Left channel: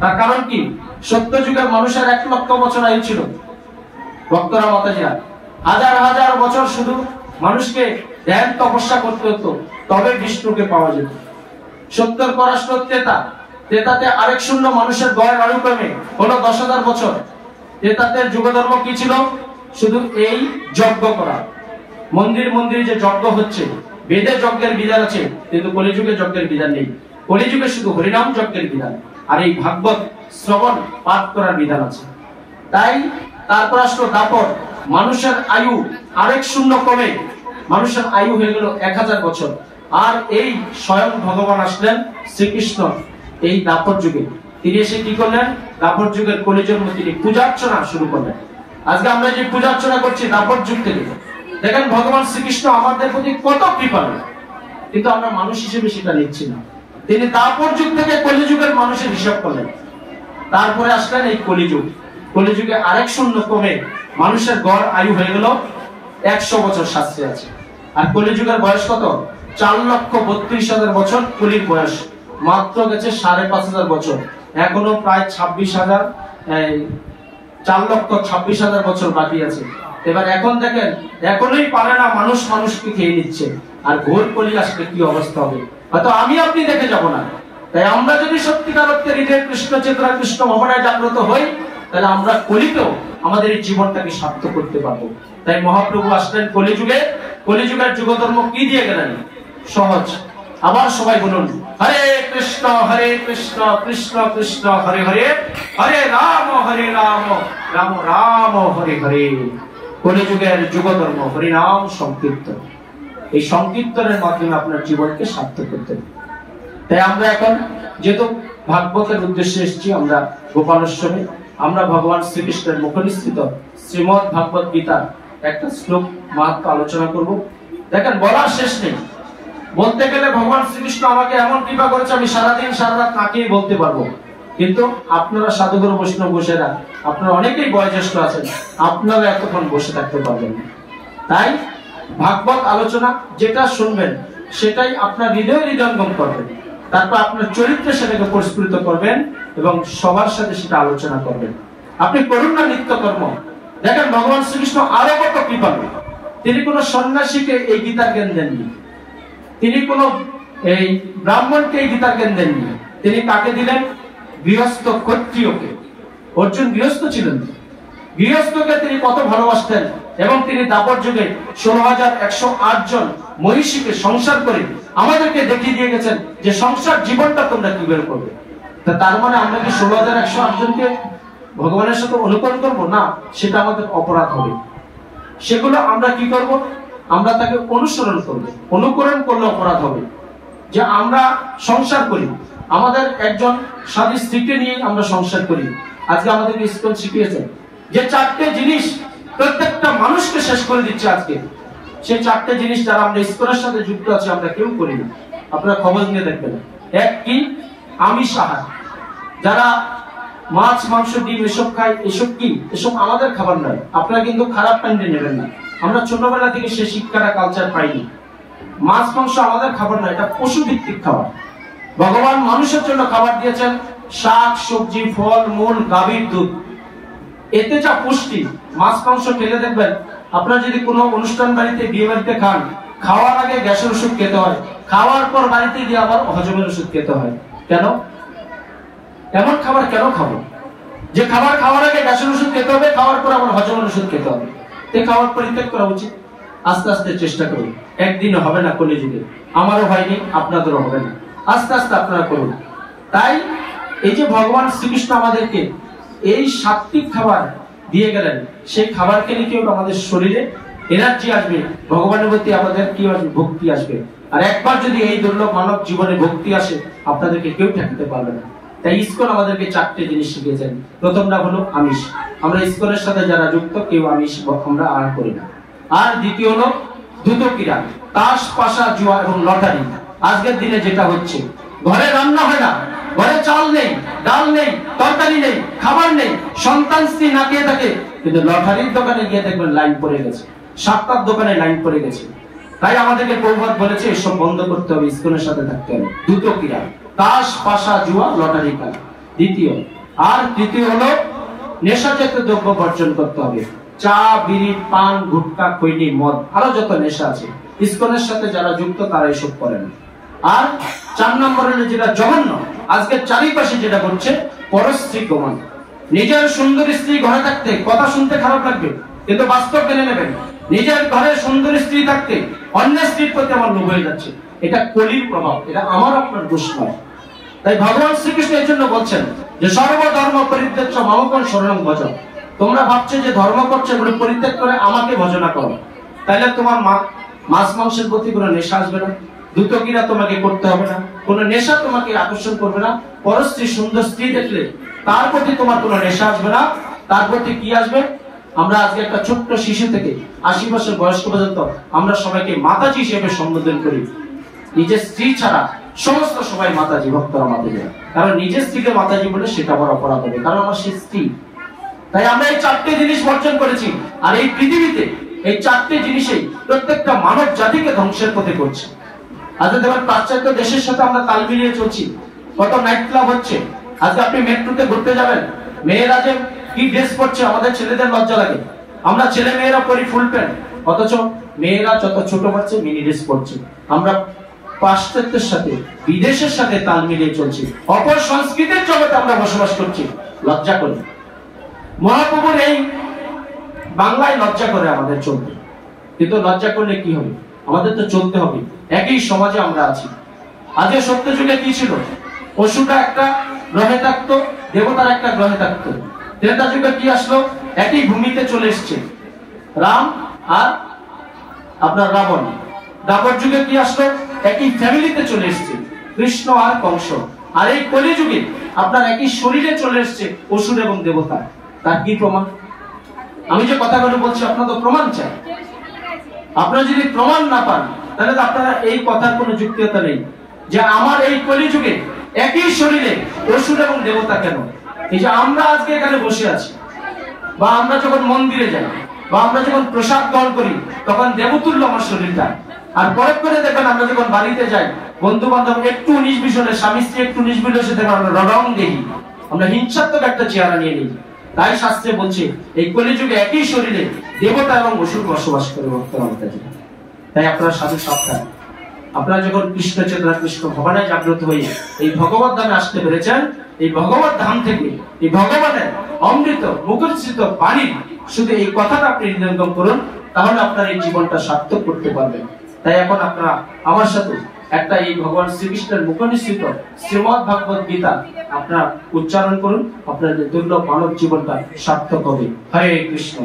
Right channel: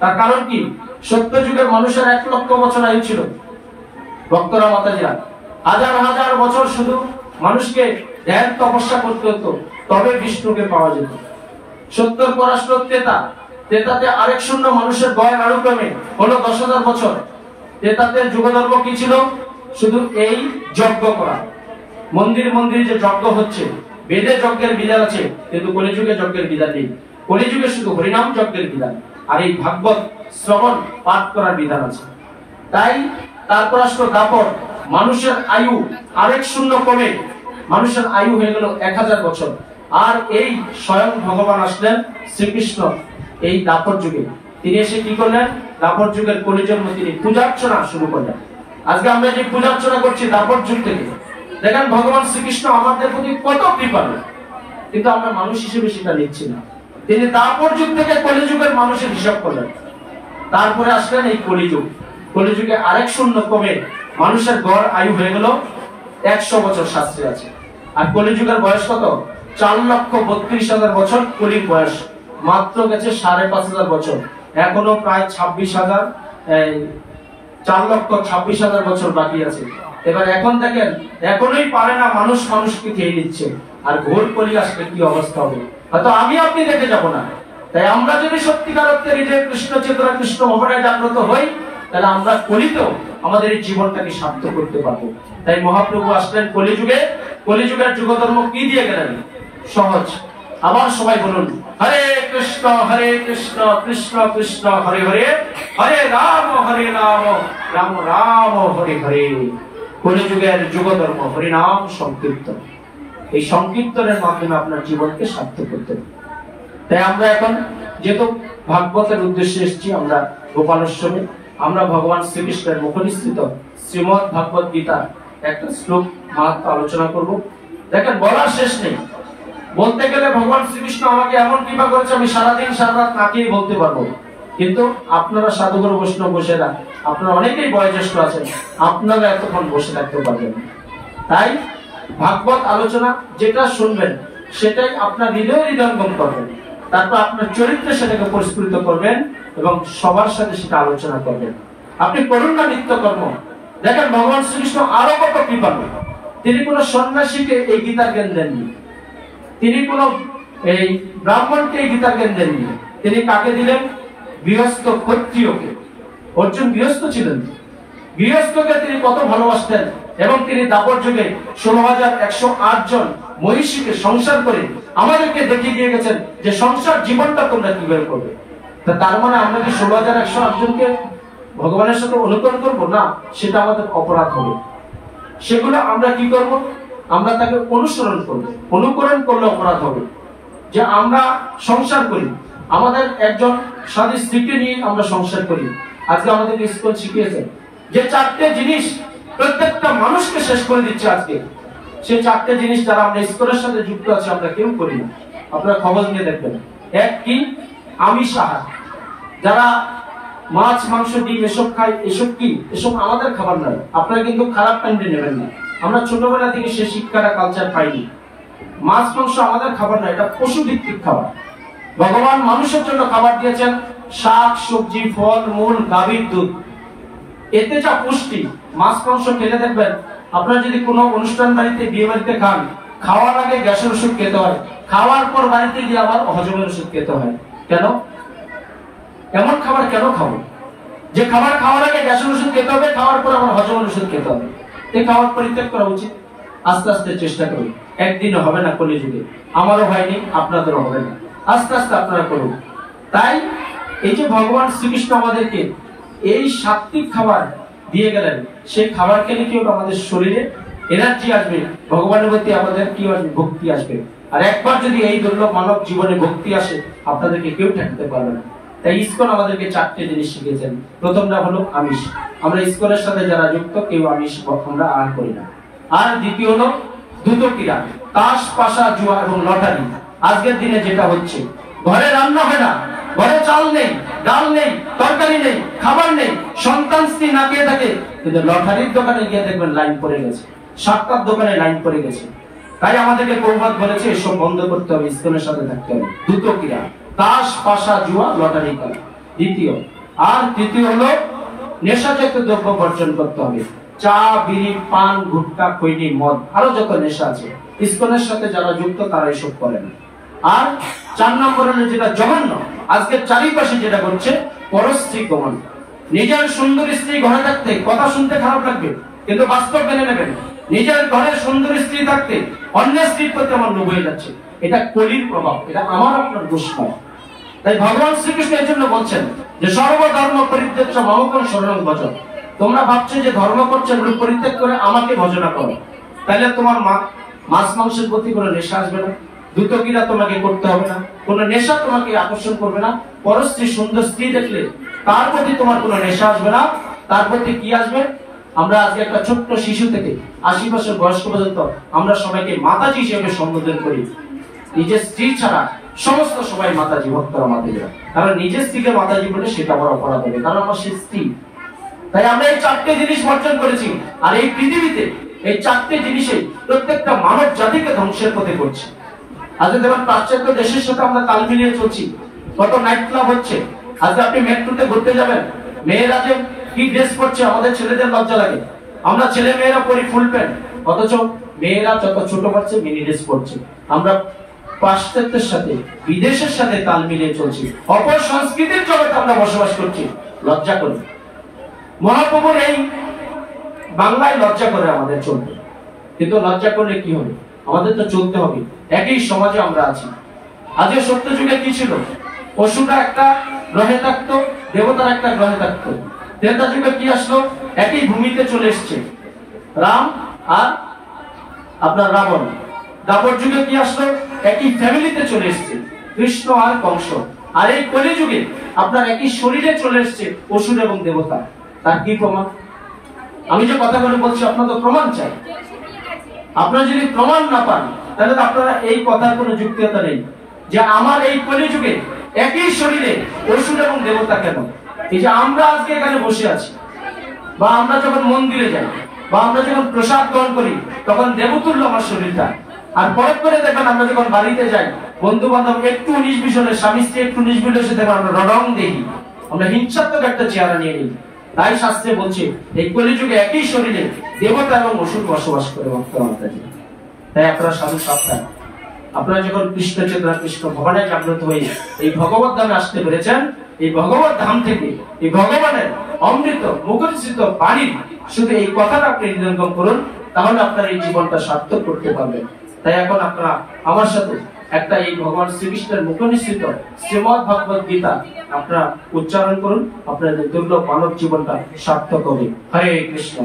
তার কারণ কি? সত্য যুগের মানুষের 1 লক্ষ বছর আয়ু ছিল। ভক্তরা মাতাজিরা হাজার হাজার বছর শুধু মানুষকে ধ্যান তপস্যা করতে হতো, তবে বিষ্ণুকে পাওয়া যেত। 70 পরাশ্র ত্রেতা, ত্রেতাতে আরেক শূন্য মানুষের গয়ের অনুক্রমে হলো 10,000 বছর। ত্রেতাতে যুগধর্ম কি ছিল? শুধু এই যজ্ঞ করা, মন্দির মন্দির যে যজ্ঞ হচ্ছে, বেদে যজ্ঞের বিধান আছে, কিন্তু কলিযুগে যজ্ঞের বিধান নেই। কলিযুগে শুধু হরিনাম যজ্ঞের বিধান আর এই ভাগবত শ্রবণ পাঠ করার বিধান আছে। তাই তারপর আসলো দাপর, মানুষের আয়ু আরেক শূন্য কমে মানুষের আয়ু হয়ে গেল 1000 বছর। আর এই স্বয়ং ভগবান আসলেন শ্রীকৃষ্ণ এই দাপর যুগে। তিনি এসে কি করলেন? দাপর যুগের কলিযুগ তিনি পূজার্চনা শুরু করলেন। আজকে আমরা যে পূজার্চনা করছি দাপর যুগ থেকে, দেখেন ভগবান শ্রীকৃষ্ণ আমাদের প্রতি কত কৃপালু, কিন্তু আমরা মানুষ হিসেবে সেটা নিচ্ছি না। তিনি দাপর যুগ থেকে কলিযুগের মানুষের হিসাব করলেন। তারপরে আসলেন এই কলিযুগ। কলিযুগে আরেক শূন্য কমে মানুষের গড় আয়ু হয়ে গেল 100 বছর শাস্ত্রে আছে। আর কলিযুগের বয়স কত? 4,32,000 বছর কলির বয়স। মাত্র গেছে 5,500 বছর, এখনো প্রায় 4,26,000 বছর বাকি আছে। এবার এখন দেখেন, এখনই পারে না মানুষ মানুষকে খেয়ে নিচ্ছে, আর ঘোর কলি আসলে কি অবস্থা হবে হয়তো আমি আপনি দেখে যাব না। তাই আমরা যদি সত্যিকার অর্থে হৃদয়ে কৃষ্ণ চেতনা, কৃষ্ণ মোহনায় জাগ্রত হই, তাহলে আমরা কলিতেও আমাদের এই জীবনটাকে সার্থক করতে পারবো। তাই মহাপ্রভু আসলেন কলিযুগে। কলিযুগের যুগধর্ম কি দিয়ে গেলেন? সহজ। আবার সবাই বলুন, হরে কৃষ্ণ কৃষ্ণ কৃষ্ণ হরে হরে, হরে রাম রাম রাম হরে হরে। কলিযুগের যুগধর্ম হরিনাম সংকীর্তন। এই সংকীর্তনের মাধ্যমে আপনার জীবনকে সার্থক করতে হবে। তাই আমরা এখন যেহেতু ভাগবতের উদ্দেশ্যে এসেছি, আমরা গোপালেশ্বরে আমরা ভগবান শ্রীকৃষ্ণের মুখনিসৃত শ্রীমদ্ ভাগবত গীতার একটা শ্লোক মাহাত্ম আলোচনা করব। দেখেন, বলার শেষ নেই। বলতে গেলে ভগবান শ্রীকৃষ্ণ আমাকে এমন কৃপা করেছে, আমি সারাদিন সারা রাত তাকিয়ে বলতে পারবো। কিন্তু আপনারা সাধুগুরু বৈষ্ণব বসেরা, আপনারা অনেকেই বয়োজ্যেষ্ঠ আছেন, আপনারা এতক্ষণ বসে থাকতে পারবেন। তাই ভাগবত আলোচনা যেটা শুনবেন সেটাই আপনার হৃদয়ঙ্গম করবেন, তারপর আপনার চরিত্রে সেটাকে পরিস্ফুটিত করবেন এবং সবার সাথে সেটা আলোচনা করবেন। আপনি করুন না নিত্যকর্ম। দেখেন ভগবান শ্রীকৃষ্ণ আরো কত কৃপালু। তিনি কোন সন্ন্যাসীকে এই গীতার জ্ঞান দেননি, তিনি কোন এই ব্রাহ্মণকে এই গীতার জ্ঞান দেননি। তিনি কাকে দিলেন? গৃহস্থ ক্ষত্রিয়কে। অর্জুন গৃহস্থ ছিলেন, গৃহস্থকে তিনি কত ভালোবাসতেন এবং তিনি দাপর যুগে 16,108 জন মহিষীকে সংসার করে আমাদেরকে দেখিয়ে দিয়ে গেছেন যে সংসার জীবনটা তোমরা কিভাবে করবে। তার মানে আমরা কি 16,108 জনকে ভগবানের সাথে অনুকরণ করবো না? সেটা আমাদের অপরাধ হবে। সেগুলো আমরা কি করব? আমরা তাকে অনুসরণ করব। অনুকরণ করলে অপরাধ হবে। যে আমরা সংসার করি, আমাদের একজন স্বামী স্ত্রীকে নিয়ে আমরা সংসার করি। আজকে আমাদের ইসকন শিখিয়েছে যে 4টে জিনিস প্রত্যেকটা মানুষকে শেষ করে দিচ্ছে আজকে। সেই 4টে জিনিস যারা আমরা ইসকনের সাথে যুক্ত আছি আমরা কেউ করি না। আপনারা খবর নিয়ে দেখবেন। এক কি? আমিষ আহার। যারা মাছ মাংস ডিম এসব খায়, এসব কি? এসব আমাদের খাবার নয়। আপনারা কিন্তু খারাপ কাণ্ডে নেবেন না। আমরা ছোটবেলা থেকে সেই শিক্ষাটা কালচার পাইনি। মাছ মাংস আমাদের খাবার নয়, এটা পশু ভিত্তিক খাবার। ভগবান মানুষের জন্য খাবার দিয়েছেন শাক সবজি ফল মূল গাভীর দুধ। এতে যা পুষ্টি, মাছ মাংস খেলে দেখবেন আপনারা যদি কোনো অনুষ্ঠান বাড়িতে বিয়ে বাড়িতে খান, খাওয়ার আগে গ্যাসের ওষুধ খেতে হয়, খাওয়ার পর বাড়িতে গিয়ে আবার হজমের ওষুধ খেতে হয়। কেন? এমন খাবার কেন খাবো? যে খাবার খাওয়ার আগে গ্যাসের ওষুধ খেতে হবে, খাওয়ার পর আবার হজমের ওষুধ খেতে হবে। এই খাবার পরিত্যাগ করা উচিত। আস্তে আস্তে চেষ্টা করুন। একদিনও হবে না কলিযুগে, আমারও হয়নি, আপনাদেরও হবে না। আস্তে আস্তে আপনারা করুন। তাই এই যে ভগবান শ্রীকৃষ্ণ আমাদেরকে এই সাত্বিক খাবার দিয়ে গেলেন, সেই খাবার খেলে কি হবে? আমাদের শরীরে এনার্জি আসবে, ভগবানের প্রতি আমাদের কি আসবে? ভক্তি আসবে। আর একবার যদি এই দুর্লভ মানব জীবনে ভক্তি আসে, আপনাদেরকে কেউ ঠেকাতে পারবে না। তাই ইসকন আমাদেরকে 4টে জিনিস শিখিয়েছেন। প্রথমটা হলো আমিষ। আমরা ইসকনের সাথে যারা যুক্ত কেউ আমিষ আমরা আহার করি না। আর দ্বিতীয় হলো দ্রুত ক্রীড়া, তাস পাশা জুয়া এবং লটারি। আজকের দিনে যেটা হচ্ছে, ঘরে রান্না হয় না, ঘরে চাল নেই, ডাল নেই, তরকারি নেই, খাবার নেই, সন্তান স্ত্রী না খেয়ে থাকে, কিন্তু লটারির দোকানে গিয়ে দেখবেন লাইন পড়ে গেছে, 7টার দোকানে লাইন পড়ে গেছে। তাই আমাদেরকে প্রভাত বলেছে এসব বন্ধ করতে হবে, ইসকনের সাথে থাকতে হবে। দ্রুত ক্রীড়া, তাস পাশা জুয়া লটারি খেলা, দ্বিতীয়। আর তৃতীয় হলো নেশাজাতীয় দ্রব্য বর্জন করতে হবে। চা, বিড়ি, পান, গুটখা, খৈনি, মদ, আরো যত নেশা আছে, ইসকনের সাথে যারা যুক্ত তারা এসব করেন। আর 4 নম্বর হলো যেটা জঘন্য, আজকে চারিপাশে যেটা করছে, পরস্ত্রী গমন। নিজের সুন্দর স্ত্রী ঘরে থাকতে কথা শুনতে খারাপ লাগবে, কিন্তু বাস্তব মেনে নেবেন। নিজের ঘরে সুন্দর স্ত্রী থাকতে অন্যের স্ত্রীর প্রতি আমার লোভ হয়ে যাচ্ছে। এটা কলির প্রভাব, এটা আমার আপনার দোষ নয়। তাই ভগবান শ্রীকৃষ্ণ এর জন্য বলছেন যে সর্বধর্ম পরিত্যাজ্য মামকং শরণং ভজ। তোমরা ভাবছো যে ধর্ম করছো, এগুলো পরিত্যাগ করে আমাকে ভজনা করো, তাহলে তোমার মাছ মাংসের প্রতি কোনো নেশা আসবে না, দ্রুতক্রিয়া তোমাকে করতে হবে না, কোনো নেশা তোমাকে আকর্ষণ করবে না। পরস্ত্রী সুন্দর স্ত্রী দেখলে তার প্রতি তোমার কোনো নেশা আসবে না। তার প্রতি কি আসবে? আমরা আজকে একটা ছোট্ট শিশু থেকে 80 বছর বয়স্ক পর্যন্ত আমরা সবাইকে মাতাজি হিসেবে সম্বোধন করি। নিজের স্ত্রী ছাড়া সমস্ত সবাই মাতাজি, ভক্তরা মাতাজি। কারণ নিজের স্ত্রীকে মাতাজি বলে সেটা আমার অপরাধ হবে, কারণ আমার সে স্ত্রী। তাই আমরা এই 4টে জিনিস বর্জন করেছি। আর এই পৃথিবীতে এই 4টে জিনিসই প্রত্যেকটা মানব জাতিকে ধ্বংসের পথে করছে। আজকে দেখুন পাশ্চাত্য দেশের সাথে আমরা তাল মিলিয়ে চলছি, কত নাইট ক্লাব হচ্ছে। আজকে আপনি মেট্রোতে ঘুরতে যাবেন, মেয়েরা যে কি ড্রেস পরছে, আমাদের ছেলেদের লজ্জা লাগে। আমরা ছেলে মেয়েরা পরি ফুল প্যান্ট, অথচ মেয়েরা যত ছোট বাচ্চা মিনি ড্রেস পরছে। আমরা পাশ্চাত্যের সাথে, বিদেশের সাথে তাল মিলিয়ে চলছি, অপর সংস্কৃতির জগতে আমরা বসবাস করছি। লজ্জা করি। মহাপ্রভুর এই বাংলায় লজ্জা করে আমাদের চলতে, কিন্তু লজ্জা করলে কি হবে? আমাদের তো চলতে হবে। একই সমাজে আমরা আছি। আজকে সত্য যুগে কি ছিল? পশুটা একটা গ্রহে থাকতো, দেবতার একটা গ্রহে থাকতো। ত্রেতা যুগে কি আসলো? একই ভূমিতে চলে এসছে রাম আর আপনার রাবণ। দ্বাপর যুগে কি আসলো? একই ফ্যামিলিতে চলে এসছে কৃষ্ণ আর কংস। আর এই কলি যুগে আপনার একই শরীরে চলে এসছে অসুর এবং দেবতা। তার কি প্রমাণ? আমি যে কথাগুলো বলছি আপনার তো প্রমাণ চাই। আপনারা যদি প্রমাণ না পান, তাহলে তো আপনারা এই কথার কোনো যুক্তিকতা নেই যে আমার এই কলি যুগে একই শরীরে অসুর এবং দেবতা কেন? এই যে আমরা আজকে এখানে বসে আছি, বা আমরা যখন মন্দিরে যাই, বা আমরা যখন প্রসাদ গ্রহণ করি, তখন দেবতুল্য আমার শরীরটা। আর পরে করে দেখেন আমরা যখন বাড়িতে যাই, বন্ধু বান্ধব একটু 19-20 হলে, স্বামী স্ত্রী একটু 19-20 হলে দেখেন আমরা রং দেখি, আমরা হিংসাত্মক একটা চেহারা নিয়ে নিই। তাই শাস্ত্রে বলছে এই কলিযুগে একই শরীরে দেবতা এবং অসুর বসবাস করে ভক্তরা মাতাজি। তাই আপনারা সাধু সাবধান। আপনারা যখন কৃষ্ণ চেতনা, কৃষ্ণ ভগবানে জাগ্রত হয়ে এই ভগবত ধামে আসতে পেরেছেন, এই ভগবত ধাম থেকে এই ভগবানের অমৃত মুখোচ্ছিত বাণী শুধু এই কথাটা আপনি হৃদয়ঙ্গম করুন, তাহলে আপনার এই জীবনটা সার্থক করতে পারবেন। তাই এখন আপনারা আমার সাথে একটা এই ভগবান শ্রীকৃষ্ণের মুখনিসৃত শ্রীমদ্ ভাগবত গীতা আপনারা উচ্চারণ করুন, আপনাদের দুর্লভ মানব জীবনটা সার্থক হবে। হরে কৃষ্ণ।